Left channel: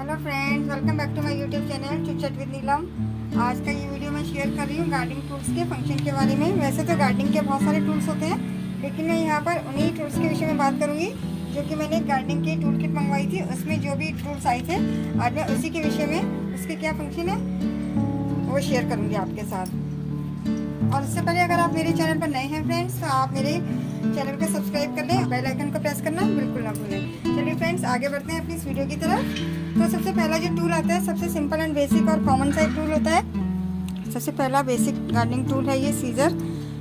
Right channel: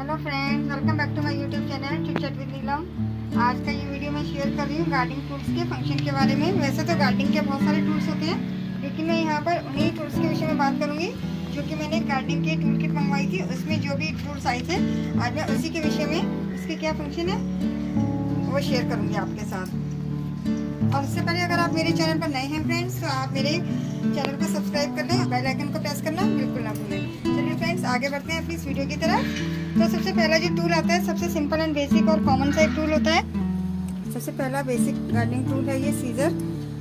Hello friends, welcome back to my YouTube channel chit chat with Neelam. आज का ये video मैं शेयर कर रही हूँ गार्डनिंग टूल्स के फंक्शन के बारे में। वैसे तो गार्डनिंग के बहुत सारे टूल्स होते हैं, लेकिन मैं यहाँ पर उन्हीं टूल्स के विषय में बात करूँगी जो कि मैंने गार्डनिंग के टूल किट मंगवाई थी। उसमें जो भी टूल्स आए थे, आज मैं उसी के विषय में उसके क्या फंक्शन है वो शेयर करूँगी आपके साथ। और इससे पहले अगर आप मेरे चैनल पर नए हैं फ्रेंड्स, तो आप मेरे चैनल को सब्सक्राइब कर लें, बेल आइकन को प्रेस करना बिल्कुल ना भूलें। चलिए फ्रेंड्स, आगे बढ़ते हैं अपनी इस वीडियो की तरफ। तो सबसे पहला जो टूल आता है, सबसे सिंपल एंड बेसिक और कॉमन सा टूल होता है। सबसे पहला बेसिक गार्डनिंग टूल है ये सीजर,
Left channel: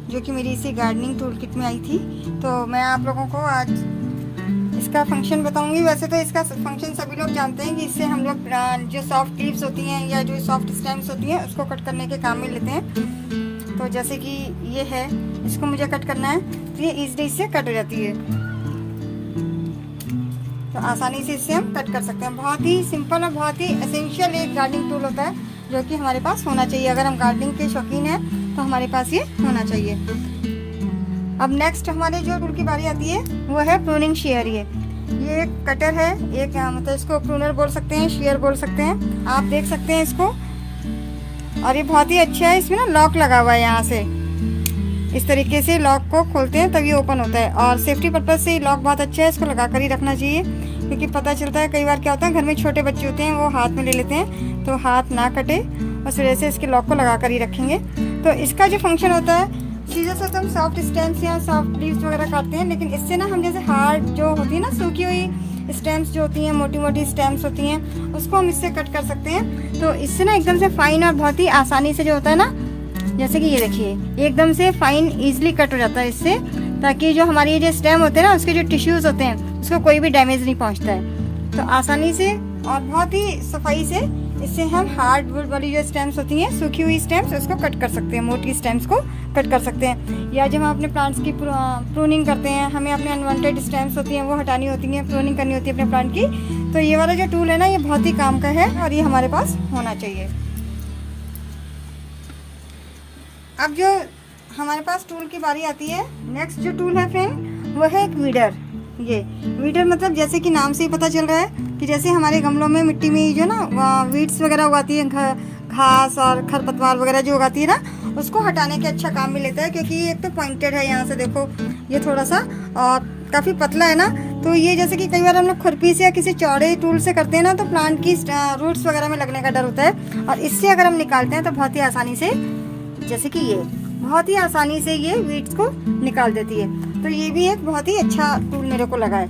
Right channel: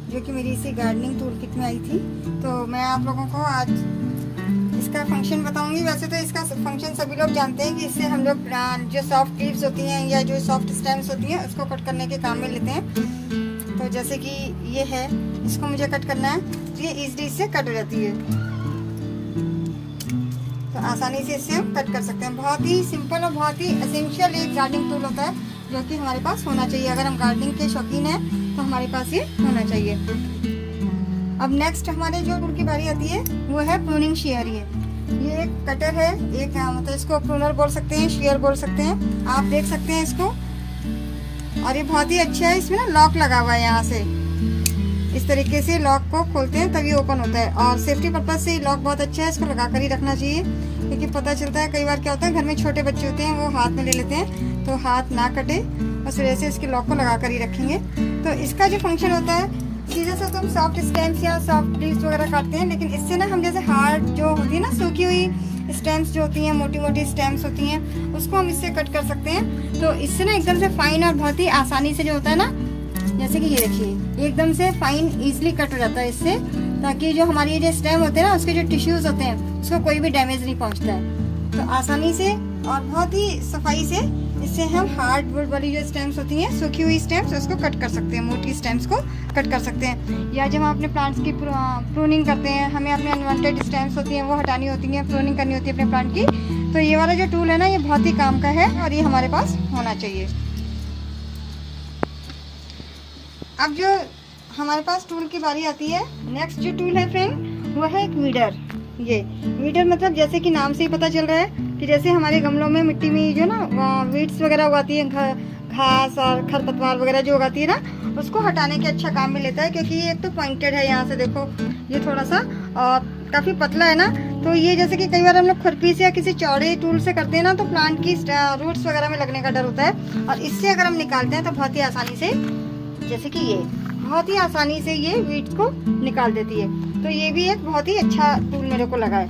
जो कि मेरी इसी गार्डनिंग टूल किट में आई थी। तो मैं आप लोगों को आज इसका फंक्शन बताऊंगी। वैसे तो इसका फंक्शन सभी लोग जानते हैं कि इससे हम लोग जो सॉफ्ट लीव्स होती हैं या जो सॉफ्ट स्टेम्स होती हैं उसको कट करने के काम में लेते हैं। तो जैसे कि ये है, इसको मुझे कट करना है तो ये इजीली से कट हो जाती है, तो आसानी से इससे हम कट कर सकते हैं। बहुत ही सिंपल और बहुत ही एसेंशियल एक गार्डनिंग टूल होता है, जो कि हमारे पास होना चाहिए। अगर हम गार्डनिंग के शौकीन हैं तो हमारे पास ये होना चाहिए। अब नेक्स्ट हमारे जो टूल की बारी आती है वो है प्रूनिंग शेयर। ये एक कटर है, एक मतलब इसको प्रूनर बोल सकते हैं, शेयर बोल सकते हैं। आप देख सकते हैं इसको, और ये बहुत ही अच्छा है। इसमें ना लॉक लगा हुआ है, यहाँ से इस तरीके से लॉक को खोलते हैं तभी ओपन होता है। और सेफ्टी पर्पज से लॉक बहुत अच्छा है, इसको लगा कर ही रखना चाहिए, क्योंकि पता चलता है कई बार क्या होता है, घर में छोटे बच्चे होते हैं, वो हाथ में ले लेते हैं, तो हाथ ना कटे, उस वजह से इसके लॉक को लगा कर ही रखेंगे। तो इसका जो फंक्शन होता है, सीधे से तो हम सॉफ्ट स्टेम्स या सॉफ्ट लीव्स वगैरह काटते हैं, लेकिन इससे ना हम जैसे हार्ड जो होती है ना, सूखी हुई स्टेम्स जो होती हैं, मोटी मोटी स्टेम्स होती हैं, उसको हम इससे कट कर सकते हैं। तो इससे ना एकदम से फाइन और बहुत ही आसानी से जो होता है ना, जैसे कि ये देखिए, एकदम से फाइन इजीली कट हो जाता है इससे, ताकि जो हमारी ये जो स्टेम होते हैं ना, उसके जो टिश्यूज होते हैं, उसको कोई भी डैमेज नहीं पहुंचता है। तो आसानी से और बहुत ही सफाई से इससे हम हार्ड वुड वाली जो स्टेम्स होती हैं, सूखी हुई स्टेम्स, उसको कट कर सकते हैं, मोटी स्टेम्स को कट कर सकते हैं। या जब हम अपने प्लांट्स की प्रूनिंग करते हैं, हमें अपने अनवांटेड स्टेम्स होती हैं वो हटानी होती हैं, प्रूनिंग करनी होती है अपने प्लांट की, तो ये वाला जो टूल है ना, ये बहुत ही काम का है और ये हमारे पास होना चाहिए। अब जो हमारे पास टूल की बारी आती है, नेक्स्ट जो टूल है फ्रेंड, वो है एक वीडर। ये वीडर मतलब जैसे कि नाम से ही पता चल रहा है कि जैसे हमारे गमलों में मिट्टी में जो ना वीड्स वगैरह उगाती है, घास और खरपतवार वगैरह जो उगाती है ना, उसको हटाने के अच्छा काम में लेता है। क्योंकि ये एक तो पॉइंटेड है, यहाँ से देखो ये थोड़ा सा और काफी पतला है ना, तो ये जैसे कि कई बार हम लोग खुरपी से या किसी चौड़े टूल से करते हैं ना, तो प्लांट की रूट्स वगैरह में लगने का डर होता है। और इससे अगर हम निकालते हैं तो बहुत ही आसानी से, जैसे कि ये बहुत ही आसानी से ये वीड्स को निकाल देती है। तो ये भी एक बहुत ही अच्छा टूल मेरे को लगा है।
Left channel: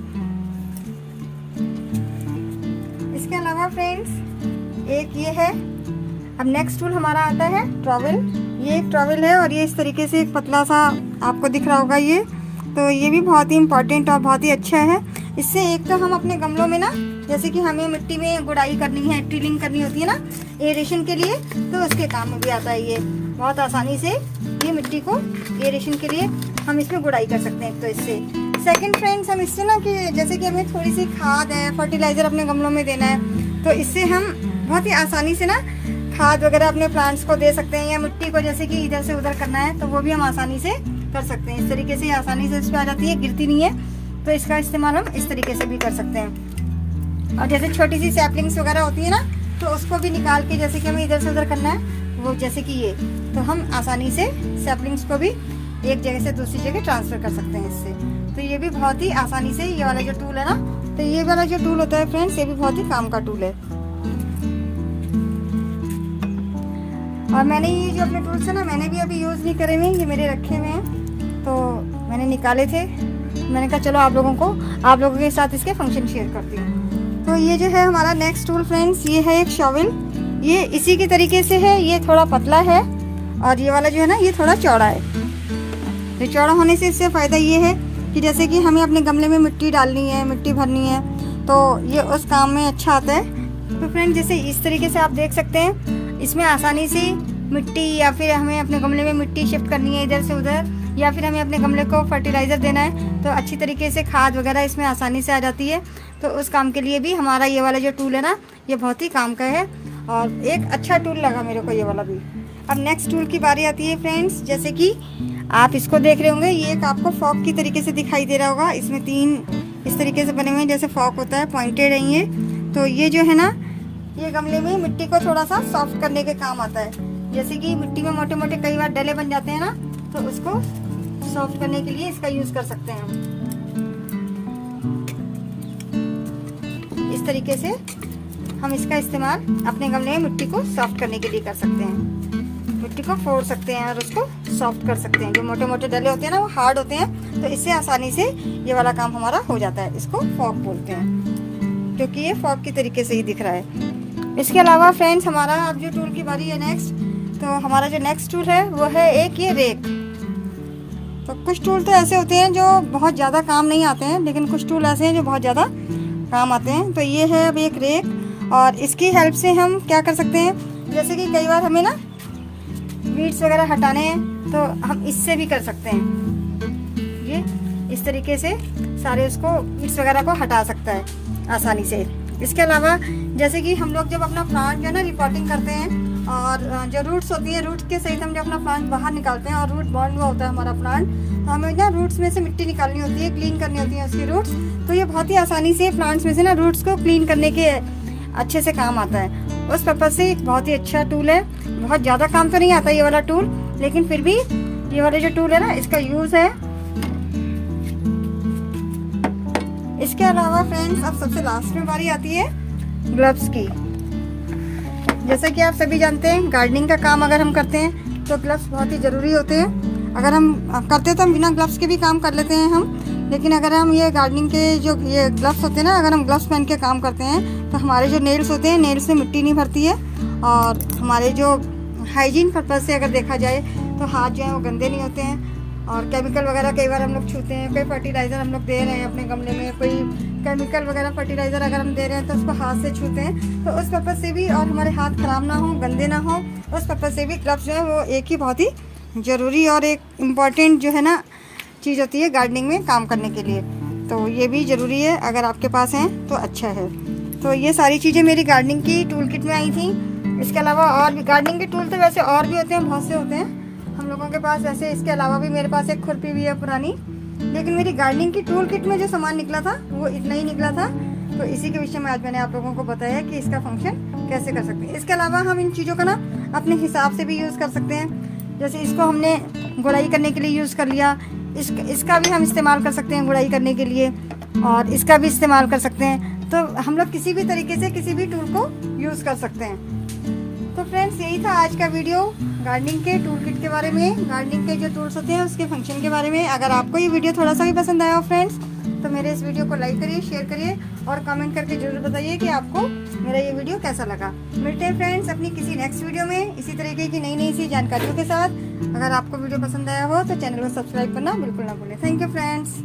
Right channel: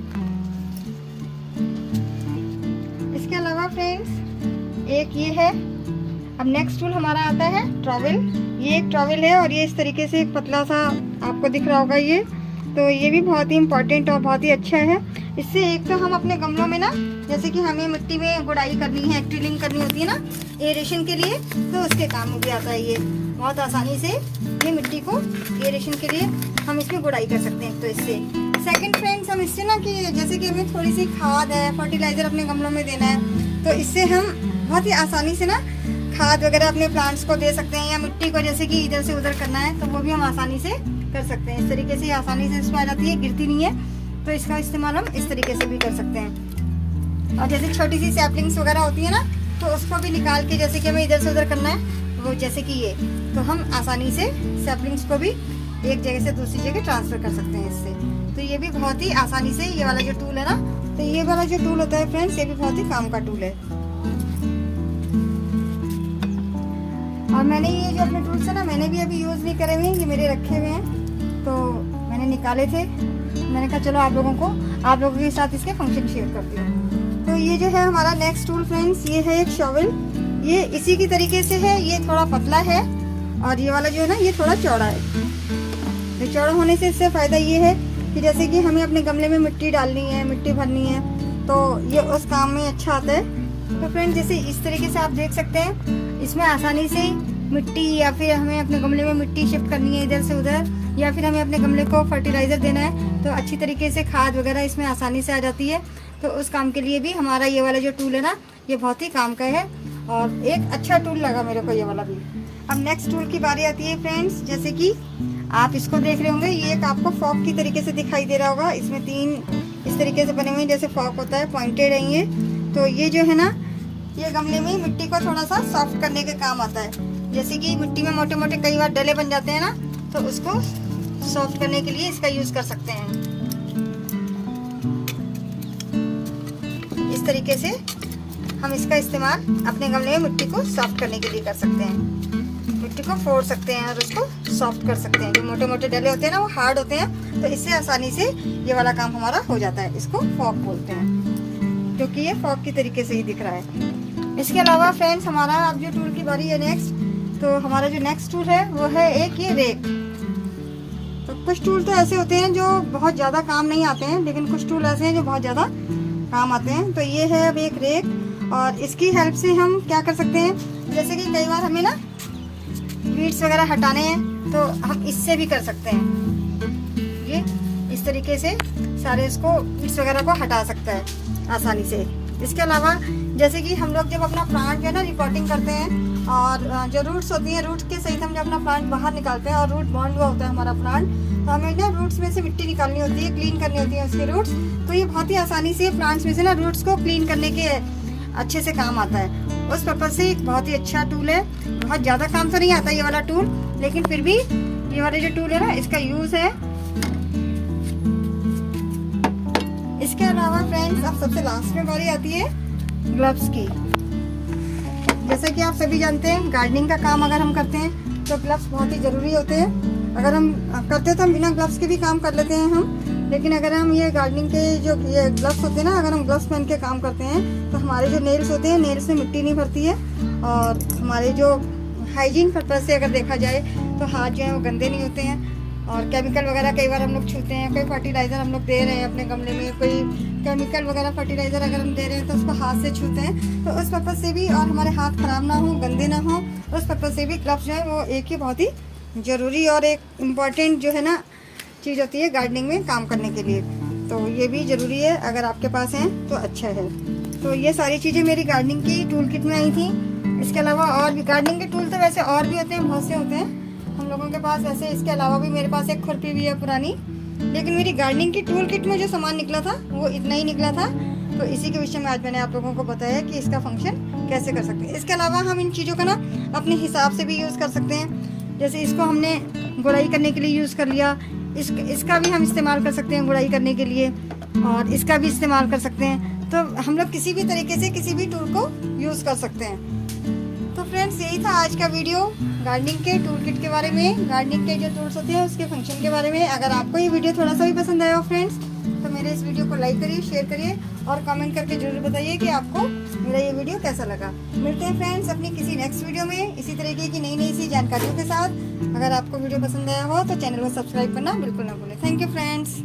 इसके अलावा फ्रेंड्स एक ये है। अब नेक्स्ट टूल हमारा आता है ट्रॉवेल। ये एक ट्रॉवेल है और ये इस तरीके से एक पतला सा आपको दिख रहा होगा ये, तो ये भी बहुत ही इम्पोर्टेंट और बहुत ही अच्छा है। इससे एक तो हम अपने गमलों में ना, जैसे कि हमें मिट्टी में गुड़ाई करनी है, टिलिंग करनी होती है ना एरेशन के लिए, तो उसके काम में भी आता है। ये बहुत आसानी से ये मिट्टी को एरेशन के लिए हम इसमें गुड़ाई कर सकते हैं। तो इससे सेकंड फ्रेंड्स, हम इससे ना कि जैसे कि हमें थोड़ी सी खाद है, फर्टिलाइजर अपने गमलों में देना है, तो इससे हम बहुत ही आसानी से ना खाद वगैरह अपने प्लांट्स को दे सकते हैं। या मिट्टी को जैसे कि इधर से उधर करना है, तो वो भी हम आसानी से कर सकते हैं। इस तरीके से आसानी से उसमें आ जाती है, गिरती नहीं है, तो इसका इस्तेमाल हम इस तरीके से भी कर सकते हैं। और जैसे छोटी सी सैपलिंग्स वगैरह होती है ना, तो उसको भी निकाल के जैसे कि हमें इधर से उधर करना है, वो जैसे कि ये, तो हम आसानी से सैपलिंग्स को भी एक जगह से दूसरी जगह ट्रांसफर कर सकते हैं इससे। तो ये भी बहुत ही आसानी से ये वाला जो टूल है ना, तो ये वाला जो टूल होता है फ्रेंड्स, ये भी बहुत ही काम का टूल है। और मैंने ये जो अपने टूल्स है ना, मैंने भी अभी यूज नहीं करे हुए हैं, ये मेरे रखे हुए हैं, तो मैंने निकाले थे। मैंने कहा चलो आप लोगों के साथ इसके फंक्शन शेयर करती हूँ। तो ये जो है हमारा नेक्स्ट टूल फ्रेंड्स, ये है एक शॉवेल। ये इसी की तरीके से है, ये थोड़ा पतला है और ये वाला जो है ना, ये थोड़ा चौड़ा है। तो चौड़ा होने से इससे फायदा ये है कि जैसे कि हमें अपने गमले में मिट्टी डालनी है, मिट्टी भरनी है, तो ये उस काम में अच्छा आता है। तो फ्रेंड्स, जैसे इस तरीके से आप देख सकते हैं, इसमें आसानी से मिट्टी, या फिर हमें अपने गमले में मिट्टी शिफ्ट करनी है इधर से उधर, या फिर हमें अपने गमले को फर्टिलाइजर देना है, तो अच्छी तरीके से खाद वगैरह इसमें आसानी से आ जाती है। तो उस काम के लिए भी हमारा ये वाला जो टूल है ना, ये बहुत ही काम का है और एक अच्छा टूल लगा मेरे को ये वाला भी। अब नेक्स्ट टूल की बारी आती है फ्रेंड्स, जैसे कि आप इसको देख रहे होंगे, ये एक आपको फॉक की तरीके से दिखाई दे रहा होगा। इसमें 3 इस तरीके से बने हुए हैं, जैसे फॉक होता है, पॉइंटेड है ये। तो ये जो है ना, ये गमले में मिट्टी को थोड़ा सा सॉफ्ट करने के काम आता है। जैसे कि मिट्टी में मोटे मोटे कई बार डले बन जाते हैं ना, तो उसको सॉफ्ट करने के लिए इसका यूज कर सकते हैं। इस तरीके से हम इसका इस्तेमाल अपने गमले में मिट्टी को सॉफ्ट करने के लिए कर सकते हैं। मिट्टी को फोड़ सकते हैं और उसको सॉफ्ट कर सकते हैं। जो मोटे मोटे डले होते हैं ना, वो हार्ड होते हैं, तो इससे आसानी से ये वाला काम हमारा हो जाता है। इसको फॉक बोलते हैं, क्योंकि ये फॉक की तरीके से ही दिख रहा है। इसके अलावा फ्रेंड्स, हमारा अब जो टूल की बारी है नेक्स्ट, तो हमारा जो नेक्स्ट टूल है वो है एक ये रेक। तो कुछ टूल तो ऐसे होते हैं जो बहुत ज़्यादा काम नहीं आते हैं, लेकिन कुछ टूल ऐसे हैं जो बहुत ज़्यादा काम आते हैं। तो ये है अब एक रेक, और इसकी हेल्प से हम क्या कर सकते हैं, जैसे कि कई बार हमें ना वीड्स वगैरह हटाने हैं, तो हम इससे भी कर सकते हैं। ये इस तरीके से सारे इसको वीड्स वगैरह को हटा सकता है आसानी से। इसके अलावा जैसे कि हम लोग जब अपना प्लांट है ना रिपोर्टिंग करते हैं, और जो रूट्स होती है, रूट्स के सहित हम जब अपना प्लांट बाहर निकालते हैं और रूट बॉन्ड हुआ होता है हमारा प्लांट, तो हमें ना रूट्स में से मिट्टी निकालनी होती है, क्लीन करनी होती है उसके रूट्स। तो ये बहुत ही आसानी से प्लांट्स में से ना रूट्स को क्लीन करने के अच्छे से काम आता है। उस पर्पज से एक बहुत ही अच्छा टूल है। बहुत ज़्यादा काम तो नहीं आता ये वाला टूल, लेकिन फिर भी ये वाला जो टूल है ना, इसका यूज है। इसके अलावा फ्रेंड्स, अब सबसे लास्ट में बारी आती है ग्लव्स की। जैसा कि आप सभी जानते हैं, गार्डनिंग का काम अगर हम करते हैं तो ग्लव्स बहुत ही जरूरी होते हैं। अगर हम करते तो हम बिना ग्लव्स के भी काम कर लेते हैं हम, लेकिन अगर हम ये गार्डनिंग के जो ये ग्लव्स होते हैं ना, अगर हम ग्लव्स पहन के काम करते हैं तो हमारे जो नेल्स होते हैं, नेल्स में मिट्टी नहीं भरती है, और हमारे जो हाइजीन पर्पज से अगर देखा जाए तो हाथ जो है वो गंदे नहीं होते हैं। और केमिकल वगैरह कई बार हम लोग छूते हैं, कोई फर्टिलाइजर हम लोग दे रहे हैं अपने गमले में, कोई केमिकल वगैरह फर्टिलाइजर अगर हम दे रहे हैं तो उसको हाथ से छूते हैं, तो उस पर्पज से भी, और हमारे हाथ खराब ना हो, गंदे ना हो, उस पर्पज से भी ग्लव्स जो है वो एक ही बहुत ही जरूरी और एक इम्पॉर्टेंट जो है ना चीज़ होती है गार्डनिंग में काम करने के लिए। तो ये भी ज़रूरी है, अगर आपके पास है तो अच्छा है। तो ये सारी चीज़ें मेरी गार्डनिंग की टूल किट में आई थी। इसके अलावा और भी गार्डनिंग के टूल तो वैसे और भी होते हैं, बहुत से होते हैं हम लोगों के पास ऐसे। इसके अलावा भी मेरे पास एक खुरपी भी है पुरानी, लेकिन मेरी गार्डनिंग की टूल किट में जो सामान निकला था वो इतना ही निकला था। तो इसी के विषय में आज मैंने आप लोगों को बताया कि इसका फंक्शन कैसे कर सकते हैं। इसके अलावा हम इन चीज़ों का ना अपने हिसाब से भी यूज़ कर सकते हैं। जैसे इसको हमने गुड़ाई करने के लिए यूज़ कर लिया, इसका भी हम इस्तेमाल कर सकते हैं गुड़ाई करने के लिए, और इसका भी इस्तेमाल कर सकते हैं। तो हम लोग किसी भी तरीके से किसी भी टूल को यूज़ कर सकते हैं। तो फ्रेंड्स, यही था आज का वीडियो गार्डनिंग के टूल किट के बारे में, गार्डनिंग के जो टूल्स होते हैं उसके फंक्शन के बारे में। अगर आपको ये वीडियो थोड़ा सा भी पसंद आया हो फ्रेंड्स, तो मेरे इस वीडियो को लाइक करिए, शेयर करिए और कमेंट करके जरूर बताइए कि आपको मेरा ये वीडियो कैसा लगा। मिलते हैं फ्रेंड्स अपनी किसी नेक्स्ट वीडियो में इसी तरीके की नई सी जानकारियों के साथ। अगर आपको वीडियो पसंद आया हो तो चैनल को सब्सक्राइब करना बिल्कुल ना भूलें। Thank you friends.